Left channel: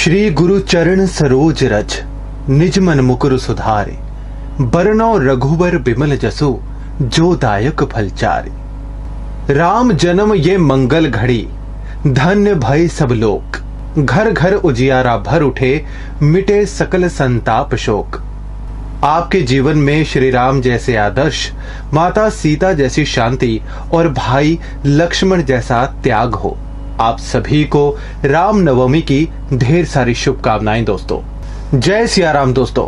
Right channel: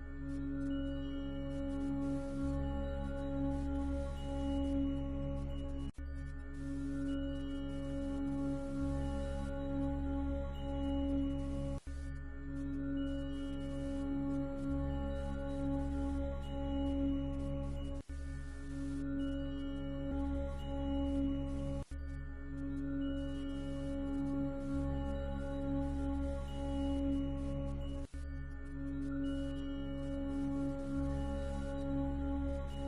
श्री गुरु चरण सरोज रज, निज मन मुकुर सुधारे। बरनौ रघुबर बिमल जसु, जो दायक फल चारे। राम जन्म ये मंगल घड़ी, धन्य भय सब लोक। घर घर उजियारा भर उठे, मिटे सकल संताप शोक। आपके जीवन में श्री राम जैसे आदर्श, माता सीता जैसी शांति और भाई लक्ष्मण जैसा त्याग हो। आप सभी को राम नवमी की ढेर सारी शुभकामनाएं दोस्तों। जय सिया राम दोस्तों।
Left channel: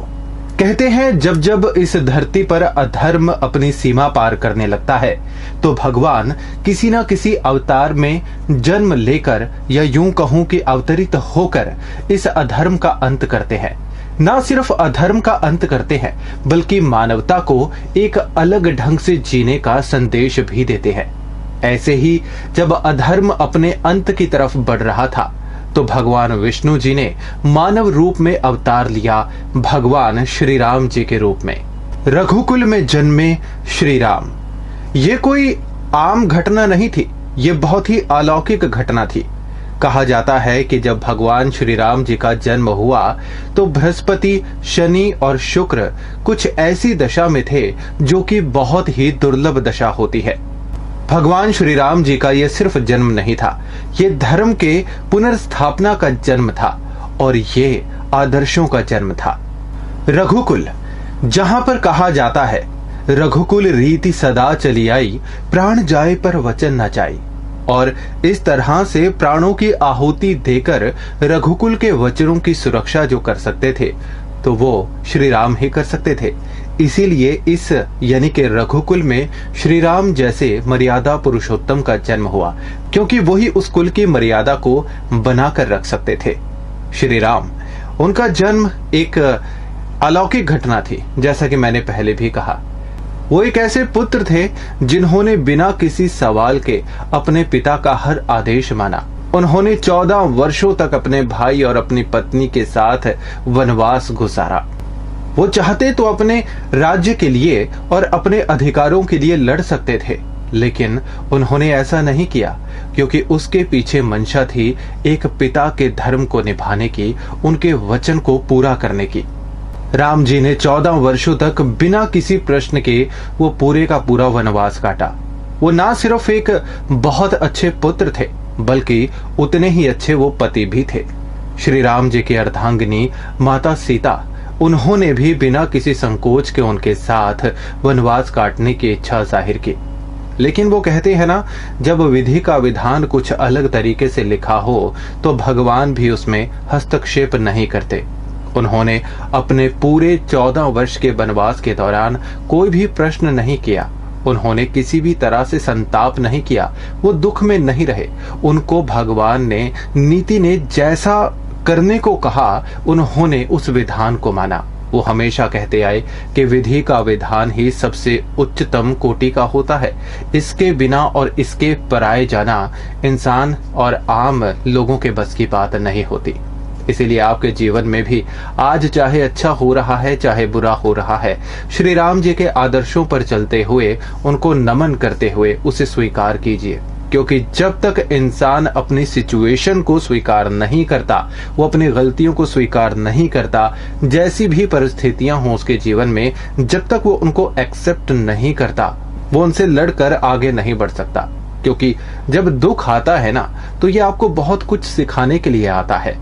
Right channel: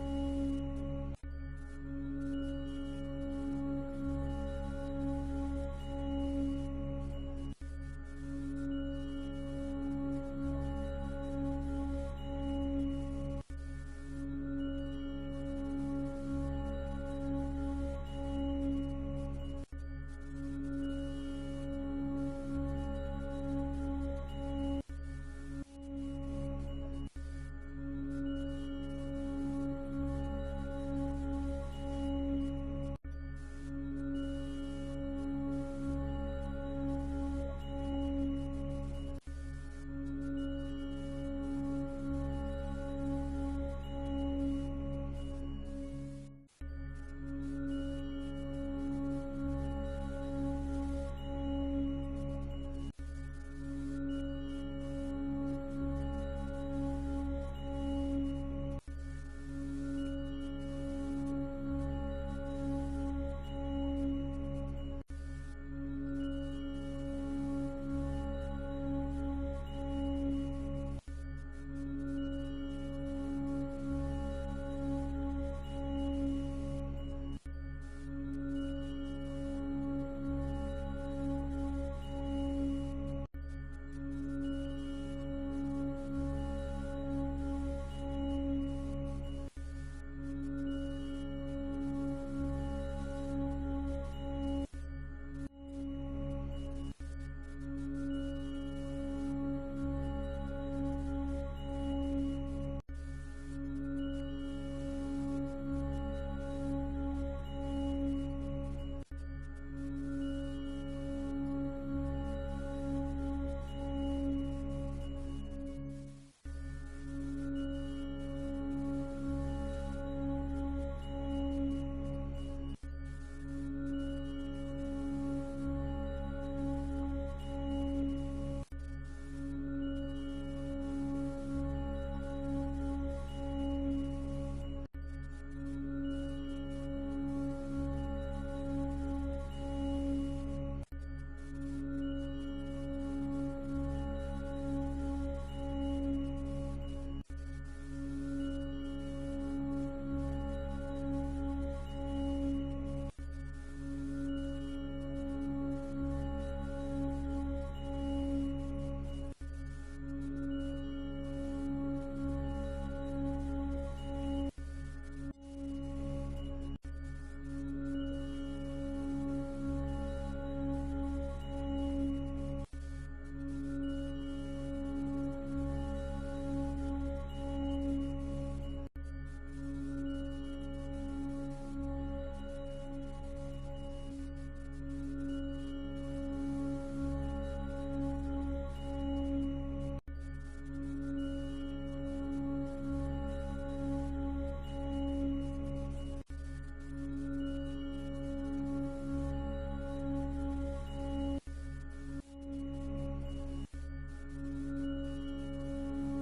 कहते हैं जब जब इस धरती पर अधर्म अपनी सीमा पार करने लगता है तो भगवान किसी न किसी अवतार में जन्म लेकर, या यूं कहूं कि अवतरित होकर इस अधर्म का अंत करते हैं। ना सिर्फ अधर्म का अंत करते हैं बल्कि मानवता को एक अलग ढंग से जीने का संदेश भी देते हैं। ऐसे ही जब अधर्म अपने अंत की तरफ बढ़ रहा था तो भगवान विष्णु जी ने मानव रूप में अवतार लिया, भगवान श्री राम जी के रूप में। रघुकुल में जन्मे श्री राम, ये कोई आम घटना नहीं थी, ये बहुत ही अलौकिक घटना थी। कहा जाता है कि जब भगवान श्री राम जी का जन्म हुआ तो बृहस्पति, शनि और शुक्र कुछ ऐसी दशा में थे जो कि बहुत ही दुर्लभ दशा होती है। भगवान श्री राम जी का यह सिर्फ जन्म नहीं था, ये धर्म के पुनर्स्थापना का जन्म था और ये आदर्शों का जन्म था। रघुकुल, जहां पर कहा जाता है रघुकुल रीति सदा चली आई, प्राण जाए पर वचन न जाई। और इस तरह से प्राणों की आहुति देकर रघुकुल के वचनों की सुरक्षा जो कर सकते थे तो वो श्री राम ही कर सकते थे। इसीलिए इस यानी कि रघुकुल में श्री राम जैसे मर्यादा पुरुषोत्तम का जन्म हुआ, क्योंकि वही उस कुल की मर्यादा को बनाकर रख सकते थे। श्री राम, उनका जन्म एक अलौकिक घटना थी। जैसा कि मैंने पहले भी कहा, वो एक ऐसे पुत्र थे जिन्होंने बिना किसी सवाल के अपने पिता का हर आदेश माना। उन्होंने 14 वर्षों तक अपने भाई और अपनी पत्नी के साथ वनवास गुजारा। वो चाहते तो अपने राज्य के लिए और अपने अधिकारों के लिए लड़ सकते थे, लेकिन उन्होंने ऐसा नहीं किया क्योंकि उसके पीछे मंशा थी एक पिता के धर्म को निभाने की, उनके वचन को पूरा करने की। राम जी ने 14 वर्षों तक बिना किसी प्रश्न के वो पूरे का पूरा वनवास काटा। वो ना सिर्फ एक बहुत अच्छे पुत्र थे बल्कि उतने ही अच्छे वो पति भी थे। श्री राम जी की अर्धांगिनी माता सीता, उन्होंने भी बिना किसी संकोच के उनके साथ वनवास काटने की इच्छा जाहिर की। लेकिन वो कहते हैं ना, जब विधि का विधान कुछ अलग तरीके से लिखा हो तो भगवान भी उसमें हस्तक्षेप नहीं करते। उन्होंने अपने पूरे 14 वर्ष के वनवास के दौरान कोई भी प्रश्न नहीं किया। उन्होंने किसी भी तरह से संताप नहीं किया, वो दुख में नहीं रहे। उनको भगवान ने, नीति ने जैसा करने को कहा उन्होंने उस विधान को माना। वो हमेशा कहते आए कि विधि का विधान ही सबसे उच्चतम कोटि का होता है। इसके बिना और इसके पराए जाना इंसान और आम लोगों के बस की बात नहीं होती। इसीलिए आपके जीवन में भी आज चाहे अच्छा हो रहा है चाहे बुरा हो रहा है, श्री राम जी के आदर्शों पर चलते हुए, उनको नमन करते हुए उसे स्वीकार कीजिए। क्योंकि जब तक इंसान अपनी सिचुएशन को स्वीकार नहीं करता, वो अपनी गलतियों को स्वीकार नहीं करता, जैसी भी परिस्थितियां हो उसके जीवन में, जब तक वो उनको एक्सेप्ट नहीं करता, वो उनसे लड़कर आगे नहीं बढ़ सकता। क्योंकि जब दुख आता है ना, तो ये आपको बहुत कुछ सिखाने के लिए आता है।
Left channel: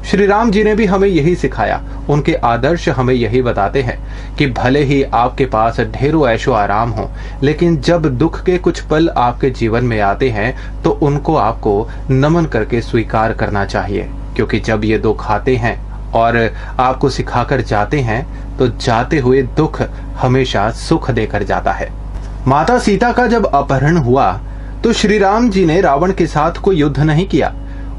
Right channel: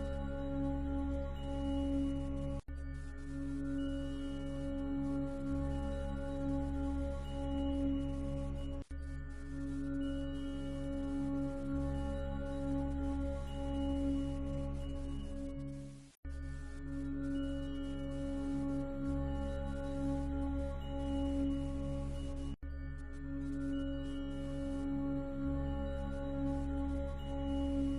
श्री राम जी ने भी हमें यही सिखाया। उनके आदर्श हमें यही बताते हैं कि भले ही आपके पास ढेरों ऐशो आराम हो, लेकिन जब दुख के कुछ पल आपके जीवन में आते हैं तो उनको आपको नमन करके स्वीकार करना चाहिए। क्योंकि जब ये दुख आते हैं और आपको सिखाकर जाते हैं तो जाते हुए दुख हमेशा सुख देकर जाता है। माता सीता का जब अपहरण हुआ तो श्री राम जी ने रावण के साथ कोई युद्ध नहीं किया।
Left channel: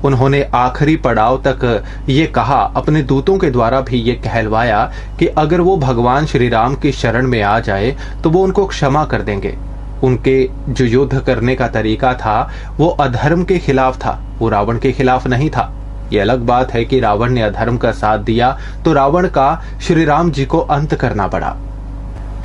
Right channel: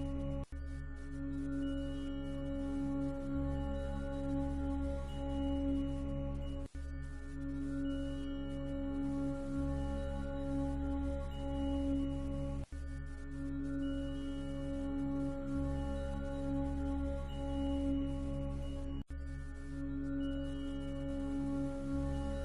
उन्होंने आखिरी पड़ाव तक ये कहा, अपने दूतों के द्वारा भी ये कहलवाया कि अगर वो भगवान श्री राम की शरण में आ जाए तो वो उनको क्षमा कर देंगे। उनके जो युद्ध करने का तरीका था वो अधर्म के खिलाफ था, वो रावण के खिलाफ नहीं था। ये अलग बात है कि रावण ने अधर्म का साथ दिया तो रावण का श्री राम जी को अंत करना पड़ा।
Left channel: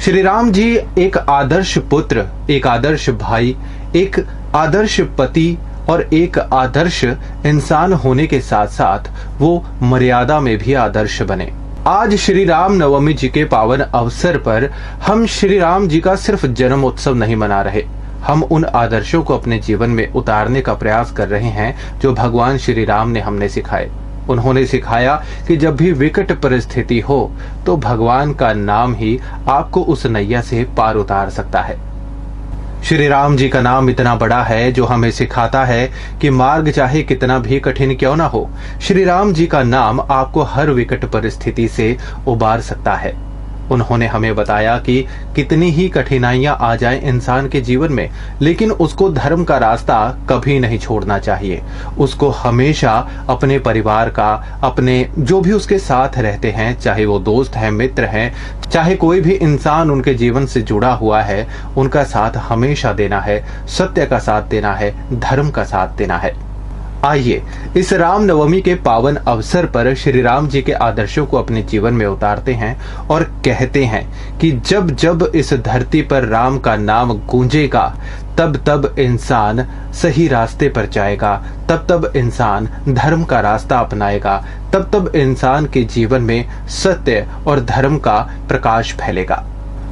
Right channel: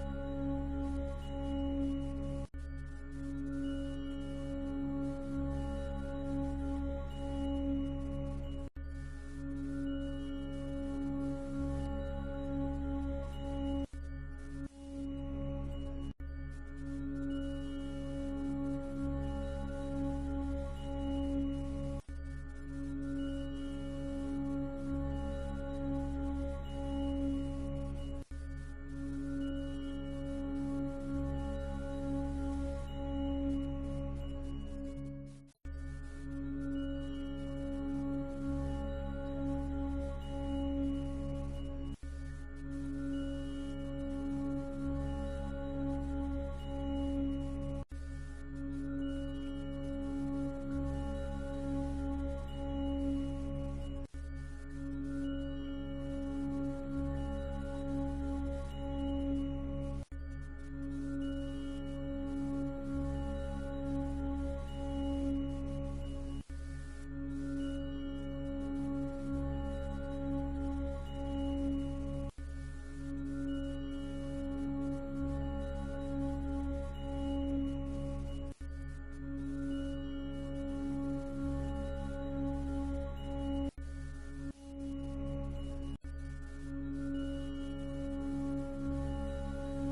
श्री राम जी एक आदर्श पुत्र, एक आदर्श भाई, एक आदर्श पति और एक आदर्श इंसान होने के साथ साथ वो मर्यादा में भी आदर्श बने। आज श्री राम नवमी जी के पावन अवसर पर हम श्री राम जी का सिर्फ जन्म उत्सव नहीं मना रहे, हम उन आदर्शों को अपने जीवन में उतारने का प्रयास कर रहे हैं जो भगवान श्री राम ने हमने सिखाए। उन्होंने सिखाया कि जब भी विकट परिस्थिति हो तो भगवान का नाम ही आपको उस नैया से पार उतार सकता है। श्री राम जी का नाम इतना बड़ा है जो हमें सिखाता है कि मार्ग चाहे कितना भी कठिन क्यों ना हो, श्री राम जी का नाम आपको हर विकट परिस्थिति से उबार सकता है। उन्होंने हमें बताया कि कितनी ही कठिनाइयां आ जाएं इंसान के जीवन में, लेकिन उसको धर्म का रास्ता कभी नहीं छोड़ना चाहिए। उसको हमेशा अपने परिवार का, अपने जो भी उसके साथ रहते हैं, चाहे वो दोस्त हैं, मित्र हैं, चाहे कोई भी इंसान उनके जीवन से जुड़ा हुआ है, उनका साथ हमेशा देना है, सत्य का साथ देना है, धर्म का साथ देना है। आइए इस राम नवमी के पावन अवसर पर श्री राम जी के आदर्शों को अपने जीवन में उतारते हैं और कहते हैं कि जब जब इस धरती पर राम का नाम गूंजेगा तब तब इंसान सही रास्ते पर जाएगा, तब तब इंसान धर्म का रास्ता अपनाएगा, तब तब इंसान के जीवन में सत्य और धर्म का प्रकाश फैलेगा।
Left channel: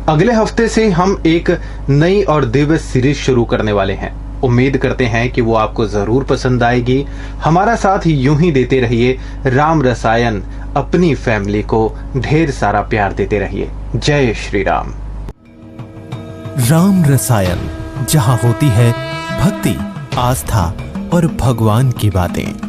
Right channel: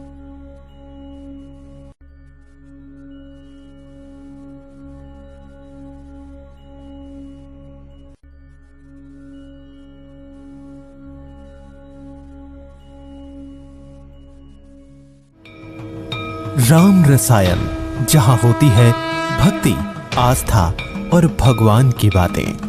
अगले हफ्ते से हम एक नई और दिव्य सीरीज शुरू करने वाले हैं। उम्मीद करते हैं कि वो आपको जरूर पसंद आएगी। हमारा साथ यूं ही देते रहिए। राम रसायन अपनी फैमिली को ढेर सारा प्यार देते रहिए। जय श्री राम। राम रसायन, जहां होती है भक्ति, आस्था और भगवान की बातें।